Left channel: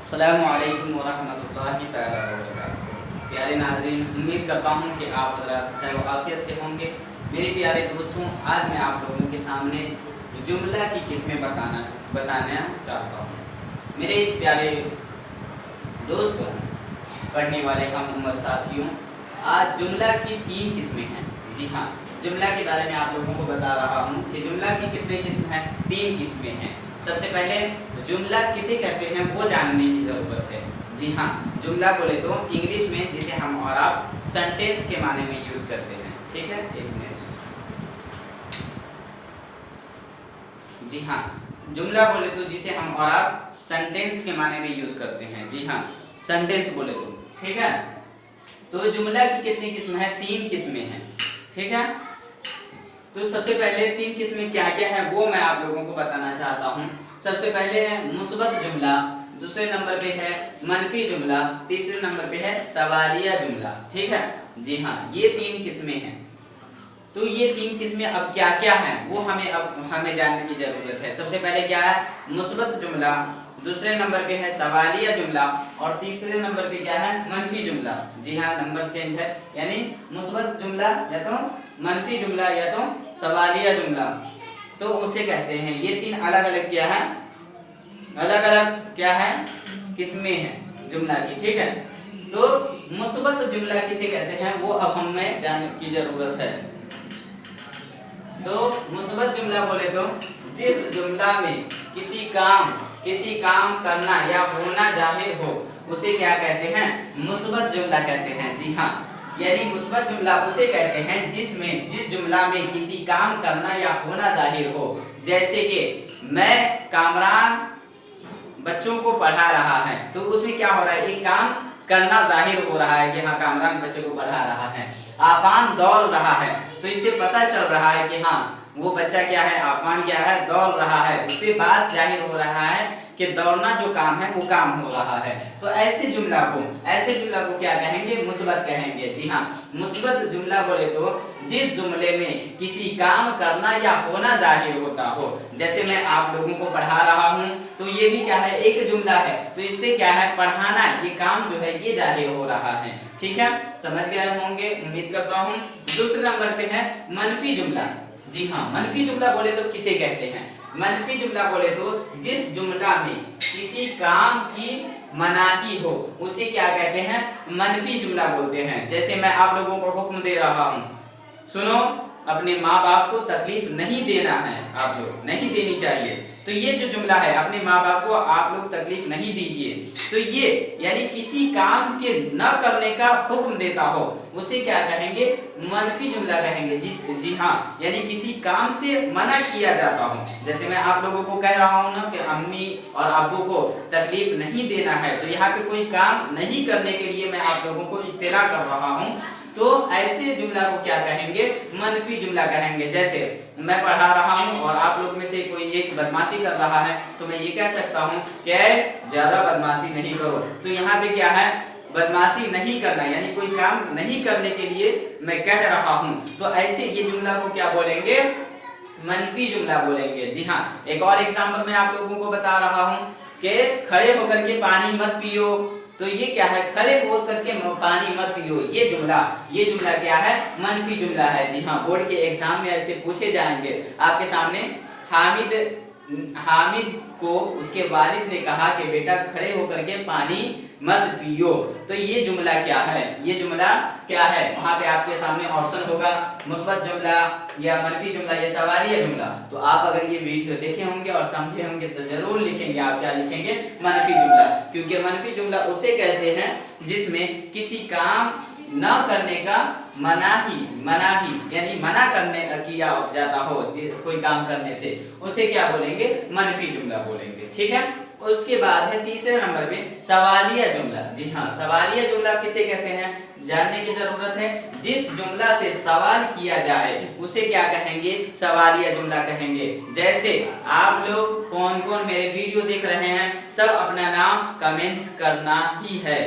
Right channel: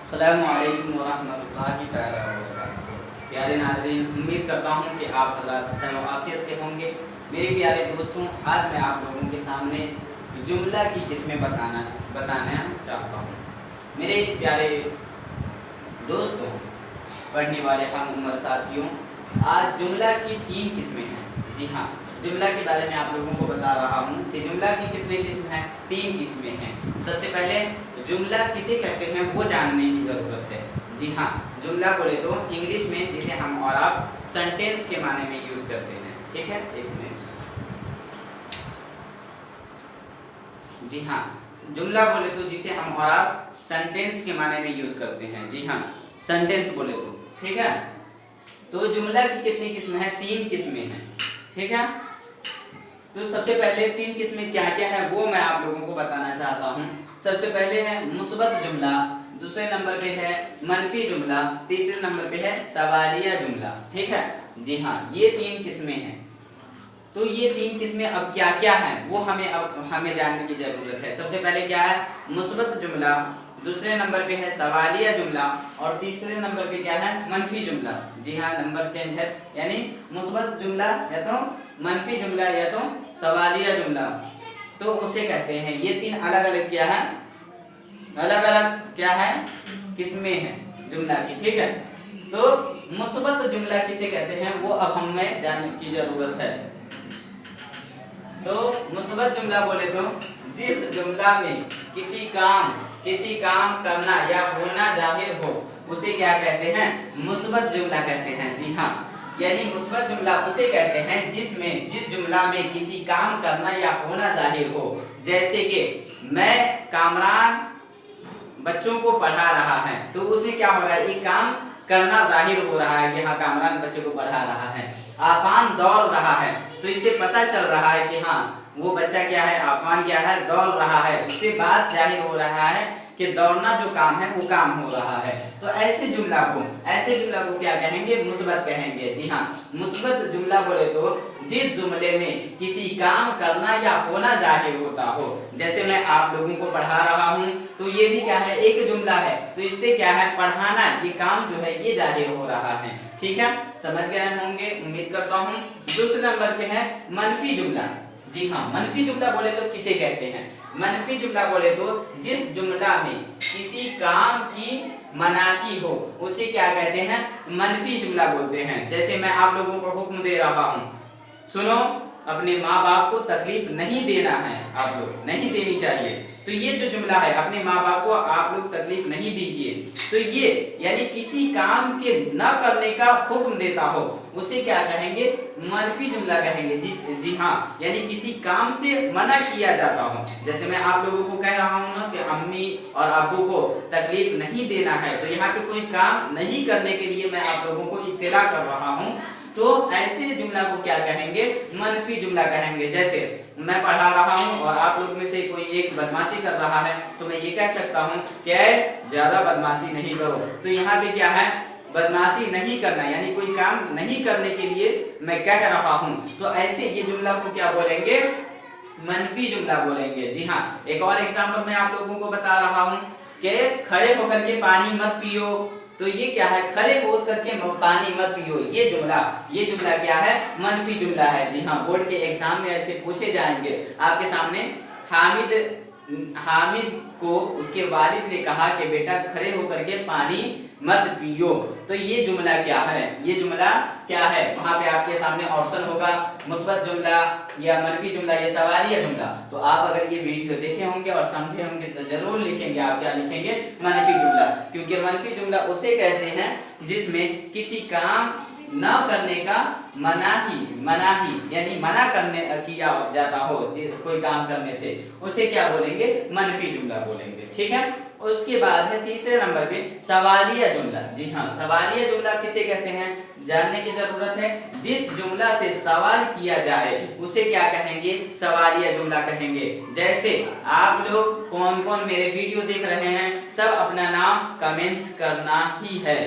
अस्सलामु अलैकुम वरहमतुल्लाहि तआला वबरकातुहू। प्यारे नाज़रीन, उम्मीद करता हूँ कि आप हज़रात खैर व आफ़ियत से होंगे। मेरे प्यारे दोस्तों, आज मैं आप लोगों के सामने जुमला की किस्में बताना चाहता हूँ। मेरे प्यारे दोस्तों, पढ़ने वाले हम उम्र साथियों, आज जुमला की 3 किस्में हैं। जी हाँ, जुमला के बारे में आप लोगों को बता रहा हूँ कि जुमला की कितने किस्म हैं? 3 किस्में हैं। सबसे पहले जुमला किसे कहते हैं वो जानने की ज़रूरत है। जी हाँ, जुमला बोले तो इंग्लिश में जिसे हम और आप सेंटेंस के माने में यूज़ करते हैं। ठीक है, एक मिनट। जी हाँ, जुमला बोले तो जिसे हम और आप सेंटेंस के माने में यूज़ करते हैं। जी हाँ, सेंटेंस बोले तो। ठीक है, तो जुमला की कितनी किस्म है? 3 किस्में हैं। ठीक है, तो सबसे पहले 3 किस्में क्या क्या है वो मैं आप लोगों को बताना चाहता हूँ। सबसे पहले है मुस्बत जुमला, दूसरे नंबर पे है मनफी जुमला, तीसरे नंबर पे है सवालिया जुमला। ठीक है, जी हाँ, ये 3 किस्में हैं। तो ये 3 किस्में अब क्या क्या हैं वो हमें जानने की जरूरत है। सबसे पहले क्या है? मुस्बत जुमला, दूसरे नंबर पे है सवालिया जुमला और तीसरे नंबर पे क्या है? मनफी जुमला। जी हाँ, नंबर चेंज है, यानी मुस्बत जुमला या तो मनफी जुमला या तो सवालिया जुमला, तो उसे कहते हैं। ये 3 अलग अलग क्या है? अलग अलग क्या है? किस्में हैं जुमला की। ठीक है, तो मुस्बत जुमला किसे कहते हैं वो अब हमें जानने की जरूरत है। तो मुस्बत जुमला बोले तो जिस जुमला में किसी काम करना या होना जाहिर हो उसे क्या कहते हैं? मुस्बत जुमला कहते हैं। जी हाँ, यानी मुस्बत जुमला उसे कहते हैं जिस जुमला में किसी काम करना या होना जाहिर हो। जैसे कि मैं कामरान बच्चों को पढ़ा रहा है, तो उसमें क्या हो रहा है? एक काम करना जाहिर हो रहा है कि हाँ कामरान बच्चों को पढ़ा रहा है। आफान दौड़ रहा है, तो इससे पता चल रहा है कि हाँ वो बच्चा क्या है? आफान क्या है? दौड़ रहा है। उससे बात जाहिर हो रहा है कि दौड़ना जो काम है वो काम हो रहा है। तो ऐसे जुमला को क्या कहेंगे? मुस्बत कहेंगे। जी हाँ, मुस्बत जुमला बोले तो जिस जुमले में किसी काम करना या होना जाहिर होता हो। जैसे मैं आप लोगों को पढ़ा रहा हूँ, तो ये भी क्या है? एक जुमला है, तो इससे क्या है? पढ़ाना, ये काम जो है ये जाहिर हो रहा है। ठीक है, समझ गए होंगे उम्मीद करता हूँ। दूसरे नंबर पे है मनफी जुमला। जी हाँ, मनफी जुमला बोले तो किसे कहते हैं? मनफी जुमला बोले तो जिस जुमला में किसी काम की मनाही हो उसे क्या कहते हैं? मनफी जुमला बोलते हैं। जैसे मैं आप लोगों को हुक्म दे रहा हूँ, सुनो, अपने माँ बाप को तकलीफ नहीं देना है, आप लोग नहीं देनी चाहिए। तो ये जो जुमला है, अपने माँ बाप को आप लोग तकलीफ नहीं दीजिए, तो ये यानी किसी काम के न करने का हुक्म देता हो उसे क्या कहेंगे? मनफी जुमला कहेंगे। जी हाँ, यानी किसी काम से मना किया जाता हो। जैसे मैं आप लोगों को कह रहा हूँ ना कि अम्मी और अब्बू को तकलीफ नहीं देना है, तो यहाँ पे कोई काम नहीं करने के लिए मैं आप लोगों को इत्तला कर रहा हूँ, तो ऐसे जुमला को क्या कहेंगे? मनफी जुमला कहेंगे। जैसे मैं पढ़ा रहा हूँ और आप लोग में से कोई एक बदमाशी कर रहा है, तो मैं ये कह सकता हूँ कि ज्यादा बदमाशी नहीं करो। तो यहाँ पे क्या है? बदमाशी नहीं करना, यानी कोई काम नहीं करने के लिए मैं कह रहा हूँ। तो ऐसे ये जुमला को क्या बोलेंगे? मनफी जुमला बोलेंगे। जी हाँ, एक और एग्जाम्पल मैं आप लोगों को बता रहा हूँ कि खड़े होकर के पानी मत पियो, तो ये क्या है? खड़े होकर के पानी मत पियो, ये जुमला क्या है? मनफी जुमला है। जी हाँ, बोर्ड के एग्जाम में ऐसे पूछे जाएंगे आपके सामने। हामिद को उसके वालिद ने कहा कि बेटा खड़े होकर के पानी मत पियो, तो ये जुमला क्या है? ये जुमला क्या है? वहां पे आपके सामने ऑप्शन होगा, मुस्बत जुमला या मनफी जुमला या सवालिया जुमला। तो आप अगर ये वीडियो देखे होंगे और समझे होंगे तो जरूर लिखेंगे। आप क्या लिखेंगे? मनफी जुमला, क्योंकि मनफी जुमला उसे कहते हैं जिसमें किसी काम न करने का मनाही यानी मना करने किया जाता हो कोई काम करने से, उसे क्या बोलेंगे? मनफी जुमला बोलेंगे। ठीक है, उसके बाद है तीसरे नंबर पे सवालिया जुमला। जी हाँ, सवालिया जुमला किसे कहते हैं जानने की जरूरत है। जिस जुमला से सवाल किया जाए उसे क्या कहेंगे? सवालिया जुमला कहेंगे। जैसे आप लोग कौन कौन मेरे वीडियो देख रहे हैं, सब अपना नाम कमेंट्स करना ही है।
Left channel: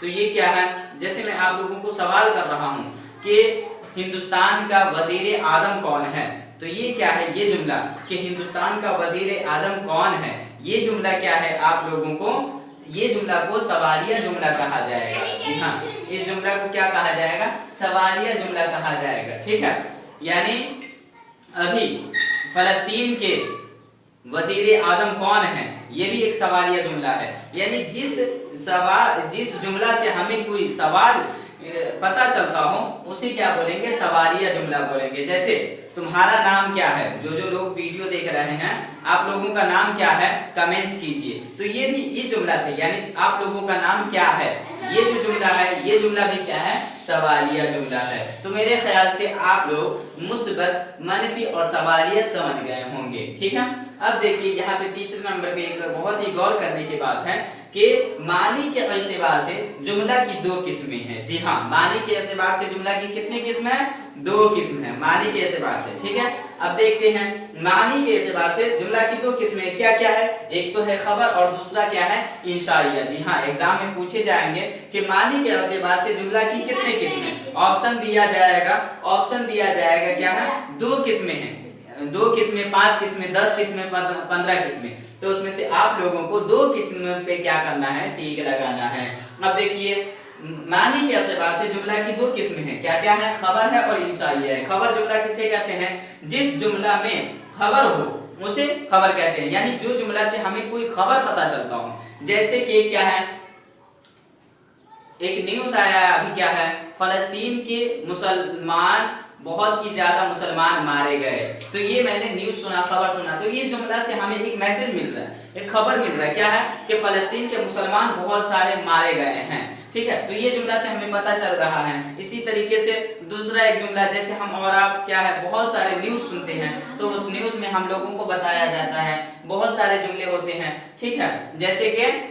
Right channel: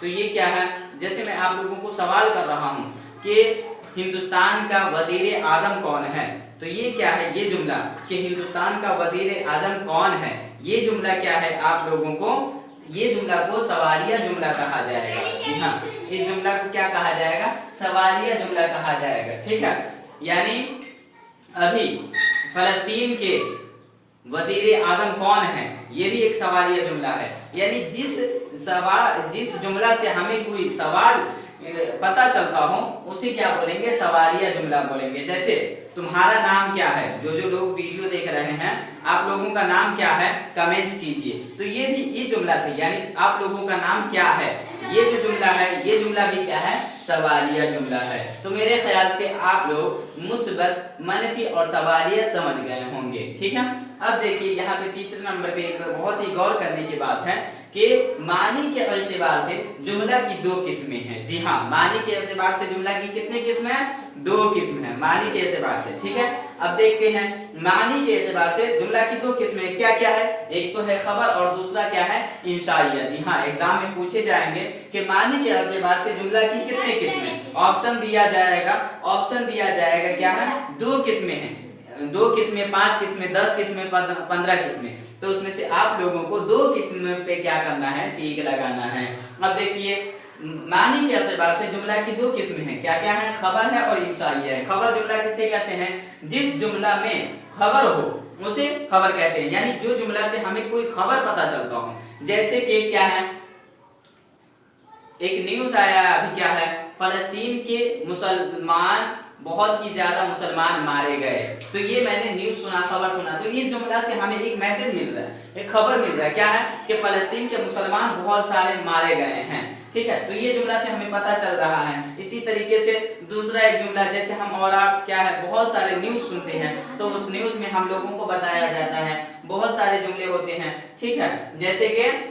तो ये क्या है? जैसे मैं आप लोगों को सवाल कर रहा हूँ कि हिंदुस्तान का वजीर आजम कौन है, तो ये क्या है? ये जुमला कि हिंदुस्तान का वजीर आजम कौन है, ये जुमला क्या है? आप लोगों को ये जुमला को सवालिया जुमला कहा जाएगा। जी हाँ, इस जुमला को क्या कहा जाएगा? सवालिया जुमला कहा जाएगा। ठीक है, यानी अभी फलस्तीन के वजीर आजम कौन है, ये भी एक सवालिया जुमला है। यानी जिस जुमला से हमें कोई सवाल पता चलता हो उसे क्या बोलेंगे? सवालिया जुमला बोलेंगे। जैसे तुम्हारा नाम क्या है? जो लोग वीडियो देख रहे हैं, आप लोगों का नाम क्या है? कमेंट्स कीजिए। तो ये भी इस जुमला से, यानी आप लोगों का नाम क्या है, ये जो जुमला है, ये जुमला भी क्या है? सवालिया जुमला है। तो मेरे ख्याल से आप लोग मुस्बत, मनफी और सवालिया समझ गए होंगे। ठीक है, अब देखिए यहाँ पे तीसरे नंबर पे एक बहुत ही गौर करने की बात है कि मानी के एतबार से जुमला की दो किस्में हैं। जी हाँ, मानी के एतबार से जुमला की कितनी किस्में हैं? दो किस्में हैं मानी के एतबार से। ठीक है, अब देखते हैं मानी के एतबार से जुमला की दो किस्में क्या क्या है। एक तो है खबर और दूसरा क्या है? इंशाइया। जी हाँ, एग्जाम में पूछे जाएंगे कि मानी के एतबार से जुमला की कितनी किस्में। ऑप्शन दिया जाएगा, क्या है? दो किस्में हैं। 2 किस्में, 5 किस्में, 10 किस्में, 15 किस्में। तो उसमें से आप लोगों को 2 किस्मों पे क्या करना है? टिक लगाना है। अब देखिए मानी के एतबार से जुमला की 2 किस्में हैं। क्या क्या है? खबर है और इंशाइया है। खबर जुमला किसे कहते हैं? जिस जुमला में खबर हो उसे खबर कहते हैं। यानी जो जुमला से हमें कोई खबर पता चलता हो। जैसे कि क्या है, एक न्यूज आया है अभी, क्या है? फलस्तीन के मुसलमान, बहुत ही ज्यादा मुसलमान मारे गए। तो ये मैंने न्यूज सुना, खबर सुना, तो ये जुमला से हमें एक मैसेज मिल रहा है, एक खबर मिल रहा है। क्या है? कि फलस्तीन के मुसलमान बहुत सारे मारे गए हैं। ठीक है, तो ये जुमला से हमें पता चल रहा है। इसी तरीके से दूसरा एक जुमला, जैसे हम और आप क्या है, बहुत सारे न्यूज सुनते हैं, तो उस न्यूज में हम लोगों को बताया जाता है, बहुत सारे जुमले होते हैं। ठीक है, जैसे कि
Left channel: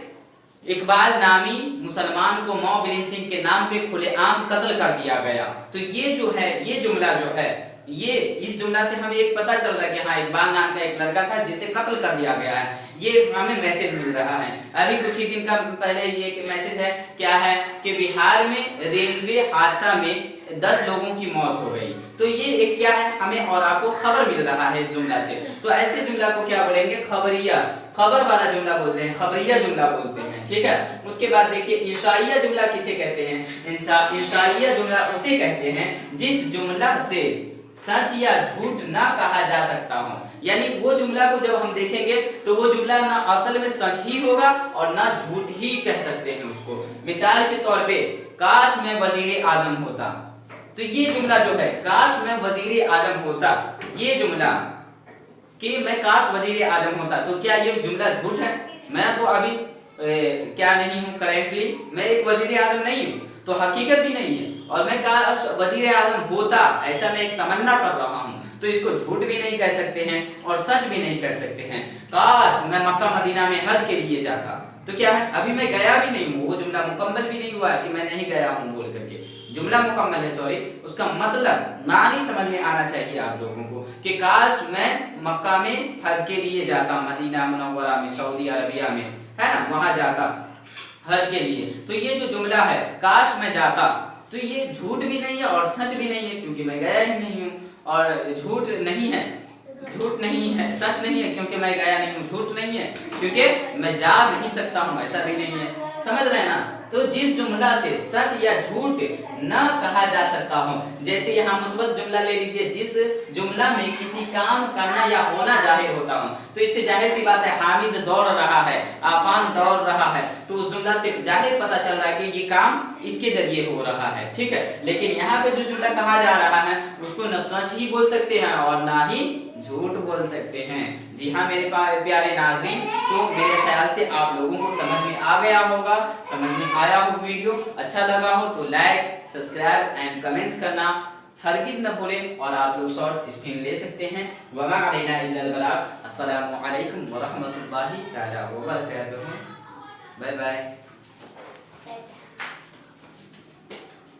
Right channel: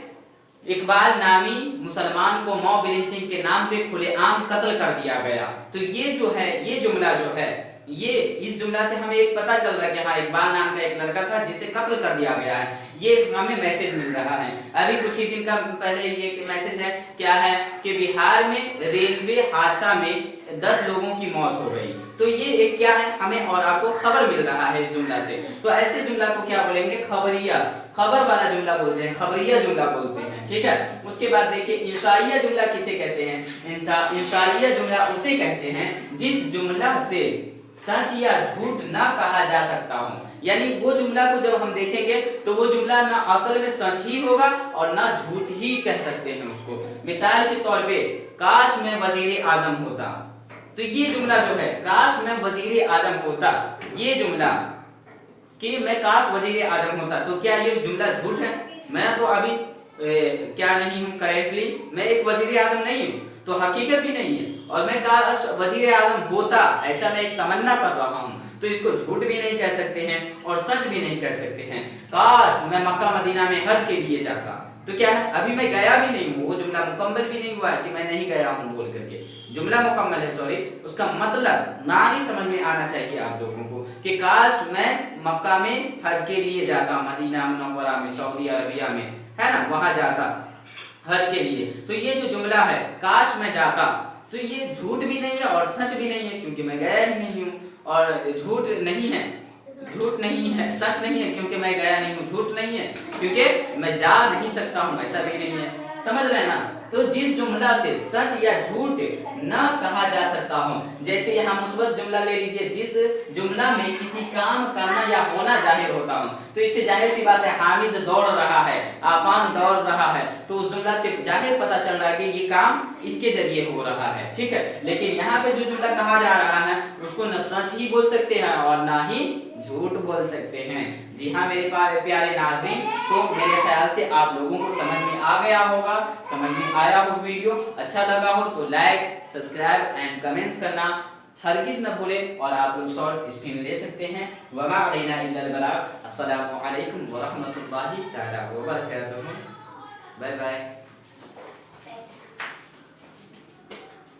इकबाल नामी मुसलमान को मॉब लिंचिंग के नाम पे खुलेआम कत्ल कर दिया गया। तो ये जो है, ये जुमला जो है, ये इस जुमला से हमें एक पता चल रहा है कि हाँ, इकबाल नाम का एक लड़का था जिसे कत्ल कर दिया गया है। ये हमें मैसेज मिल रहा है। अभी कुछ ही दिन का पहले ये मैसेज है, क्या है? कि बिहार में रेलवे हादसा में 10 लोगों की मौत हो गई। तो ये एक क्या है? हमें और आपको खबर मिल रहा है इस जुमला से। तो ऐसे जुमला को क्या बोलेंगे? खबरिया, खबर वाला जुमला बोलते हैं, खबरिया जुमला बोलते हैं। ठीक है, उसके बाद देखिए इंशाइया जुमला किसे कहते हैं? इंशाइया जुमला उसे कहते हैं जिस जुमला से सच या झूठ ना कहा जा सकता हो। यानी वो जुमला को जब हम देखेंगे तो वो जुमला ना असल में सच ही होगा और ना झूठ ही कह सकते हैं उसको। मिसाल के तौर पे, काश मैं वजीर आजम होता। तो ये जुमला जो है, काश मैं वजीर आजम होता, ये जुमला कि मैं काश वजीर आजम होता, तो क्या ये जुमला झूठ है? मैं तो अभी क्या नहीं हूँ, करेंटली मैं एक वजीर आजम नहीं हूँ, तो हकीकत भी नहीं है। और मैं काश वजीर आजम होता, ऐसा मैं एक तमन्ना कर रहा हूँ, तो इसको झूठ भी नहीं कह सकते हैं और सच भी नहीं कह सकते हैं। काश मैं मक्का मदीना में हज के लिए जाता, तो क्या है? अभी मैं गया भी नहीं हूँ, वो जुमला मुकम्मल भी नहीं हुआ है कि मैं नहीं गया हूँ बोल करके। जुमला मुकम्मल है, सॉरी, उसका मतलब मानी समझ में आना चाहिए आप लोगों को कि काश मैं मक्का में हज के लिए जाता, मदीना मुनव्वरा में, सऊदी अरबिया में, है ना, वहां जाता हज के लिए। तो ये जो जुमला है, काश मैं जाता, तो ये झूठ भी नहीं है और सच भी नहीं है, क्योंकि मैं गया ही नहीं हूँ। और झूठ नहीं है, सच नहीं है क्योंकि मैं गया नहीं हूँ, झूठ नहीं है क्योंकि मैं जा नहीं सकता हूँ, ऐसा भी नहीं है। समझ रहे हैं ना? तो जिस जुमला से सच या झूठ न कहा जा सकता हो, जैसे यहाँ मुस्बत जुमला ले लीजिए, जिस जुमला में किसी काम करना या होना जाहिर होता हो, तो इससे जाहिर सी बात है हामिद दौड़ रहा है, आफान दौड़ रहा है, तो उस जुमला से जाहिर पता चल रहा है कि ये काम इसके जरिए हो रहा है। ठीक है, लेकिन यहाँ पे जो जुमला कहा जा रहा है उसको न सच ही बोल सकते हैं और ना ही झूठ बोल सकते हैं। जी हाँ मेरे प्यारे नाज़रीन, तो मेरे ख्याल से आप लोगों को समझ में आ गया होगा, समझ में आया हो, वीडियो अच्छा लगा हो तो लाइक, सब्सक्राइब एंड कमेंट्स करना हरगिज न भूलें। और आप लोग शॉर्ट स्क्रीन ले सकते हैं। वमा अलैना इल्लल बलाग। अस्सलामु अलैकुम व रहमतुल्लाहि तआला व बरकातुहू। Bye bye.